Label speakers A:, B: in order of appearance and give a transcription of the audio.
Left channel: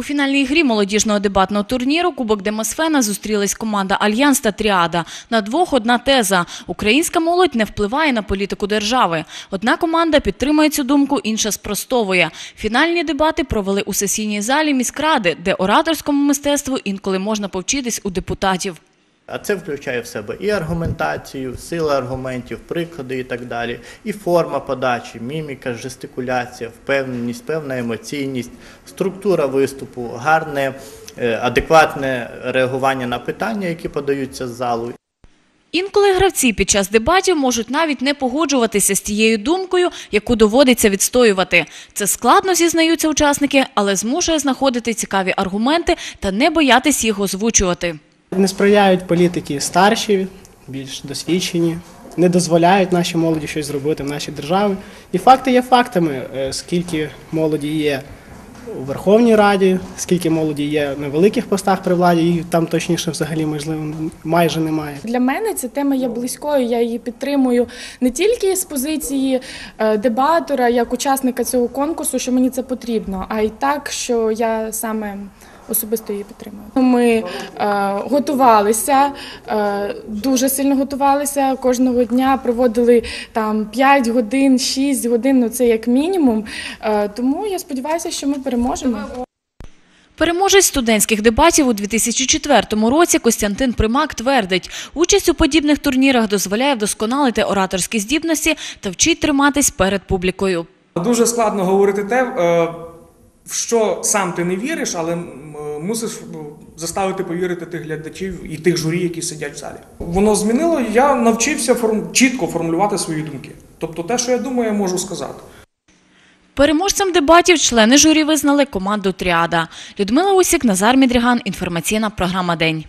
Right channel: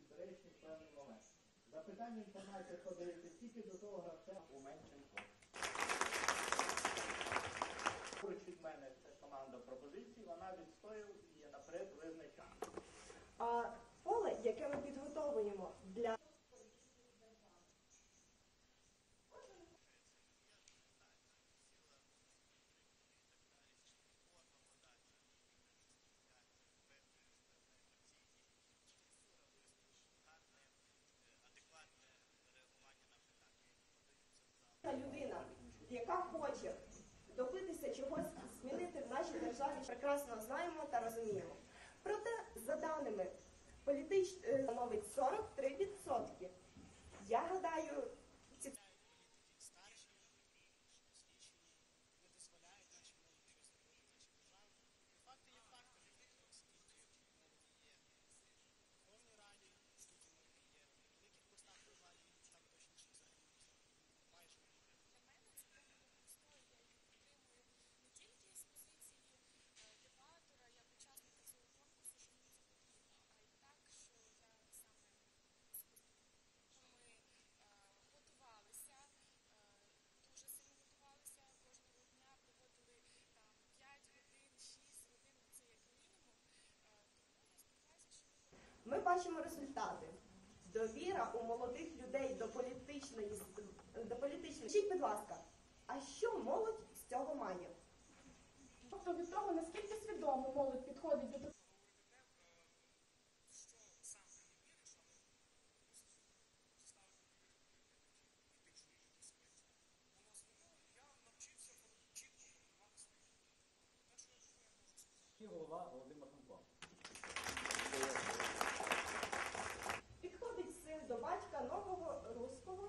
A: У фінальній грі молодіжного дебатного турніру Кубок Демосфена зустрілись команда Альянс та Тріада. На двох одна теза. Українська молодь не впливає на політику держави. Одна команда підтримує цю думку, інша спростовує. Фінальні дебати провели у сесійній залі міськради, де ораторському мистецтву інколи можна повчитись у депутатів.
B: А це включає в себе і аргументацію, сила аргументів, приклади і так далі, і форма подачі, міміка, жестикуляція, впевненість, певна емоційність, структура виступу, гарне, е, адекватне реагування на питання, які подаються з залу.
A: Інколи гравці під час дебатів можуть навіть не погоджуватися з тією думкою, яку доводиться відстоювати. Це складно зізнаються учасники, але змушує знаходити цікаві аргументи та не боятись їх озвучувати.
C: Не сприяють політики старші, більш досвідчені, не дозволяють нашій молоді щось зробити в нашій державі. І факти є фактами, Е, скільки молоді є у Верховній Раді, скільки молоді є на великих постах при владі, і там точніше взагалі можливо майже немає.
D: Для мене ця тема є близькою. Я її підтримую не тільки з позиції е, дебатора, як учасника цього конкурсу, що мені це потрібно, а й так, що я саме особисто її підтримую. Ми е, готувалися, е, дуже сильно готувалися. Кожного дня проводили там 5 годин, 6 годин, ну це як мінімум. Е, тому я сподіваюся, що ми переможемо.
A: Переможець студентських дебатів у 2004 році Костянтин Примак твердить, участь у подібних турнірах дозволяє вдосконалити ораторські здібності та вчить триматись перед публікою.
E: Дуже складно говорити те, в що сам ти не віриш, але мусиш е, заставити повірити тих глядачів і тих журі, які сидять в залі. Воно змінило. Я навчився форм- чітко формулювати свої думки. Тобто, те, що я думаю, я можу сказати.
A: Переможцем дебатів члени журі визнали команду Тріада. Людмила Усік, Назар Мідріган. Інформаційна програма День.